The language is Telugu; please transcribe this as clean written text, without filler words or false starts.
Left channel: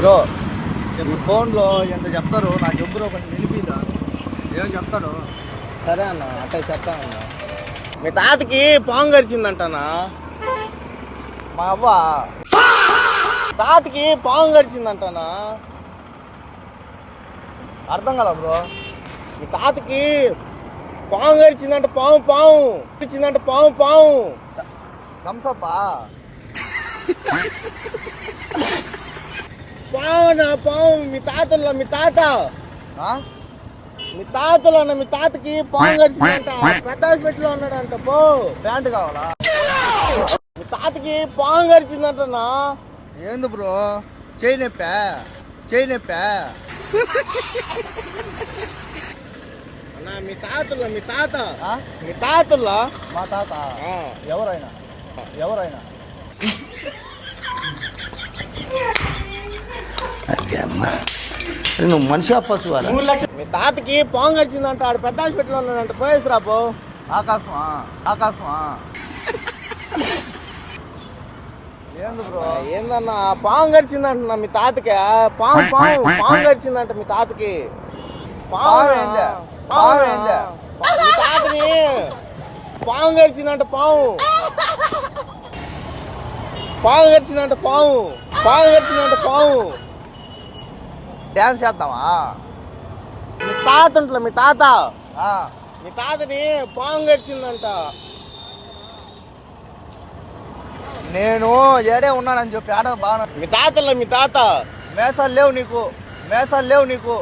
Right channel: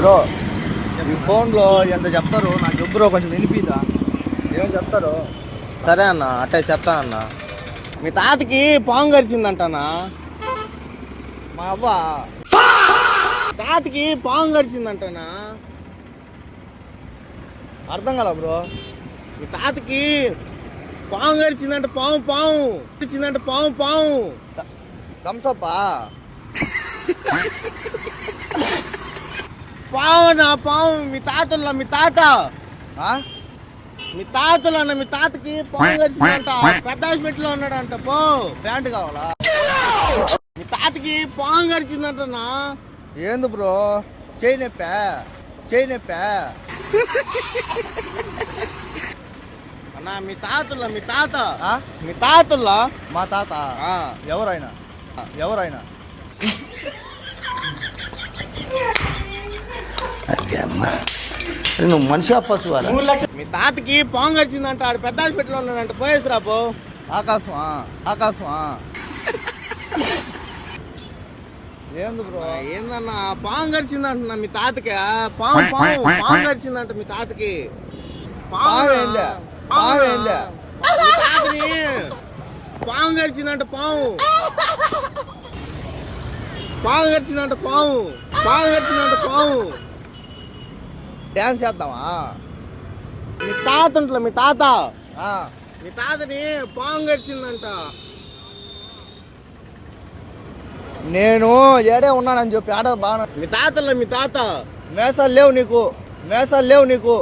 బ్రో ఈ ఫోన్లో ఎంత చెప్తారు నాకు చెప్పు బ్రో, కొంచెం వినిపిదా ఏం చెప్తారు? సరే అన్న అట్టే చెప్తా అన్న. మీ తాతకి పాము గడిచిందంటనా? మా అవ్వ తాతకి పాము గడిచిందంటనా? అర్థం కదా బ్రో. మీ తాతకి పాము గడిచిందంట. పాము పాము గడిచిందంట. పాము పాము థమ్సప్పా? పాము నా పాము. మీ తాతల్లో మీ తాత మీ తాతకి పాము గడిచిందంట. పెద్ద హాస్పిటల్లో ఉన్నాడంట. పో. ప్యాంట్ కావాలా? మీ తాతకి పాము గడిచిందంటనా? ఏంది బ్రో? చేయి నొప్పా? అన్నా మీ తాతల్లో ఆ? మీ తాతల్లో మా తాత ఆ. ఎవరైనా నువ్వు మనిషి పశువు మీ తాతకి పాము గడిచిందంట. ఆడు పెద్ద హాస్పిటల్లో ఉన్నాడంట. పోయేసి రాపో. ఆకాశమా ఏంది బ్రో? ఏందన్నా పాము గడిచిందంట మీ తాతకి. పాము గడిచిందంట మీ తాతకి. పాము ఏంది? పాము ఏంది? మీ తాతని పాము గడిచిందంట. పాము గడిచిందంట. పాము డ్యాన్స్ చేద్దామా? మీ తాత ఉంటలే మీ తాత ఆ. మీ తాతని పాము గడిచిందంట. నేను ఏడే ఉన్నానని చెప్పి ఆడ బాగా మీ తాత మేసాలు లేవు నీకు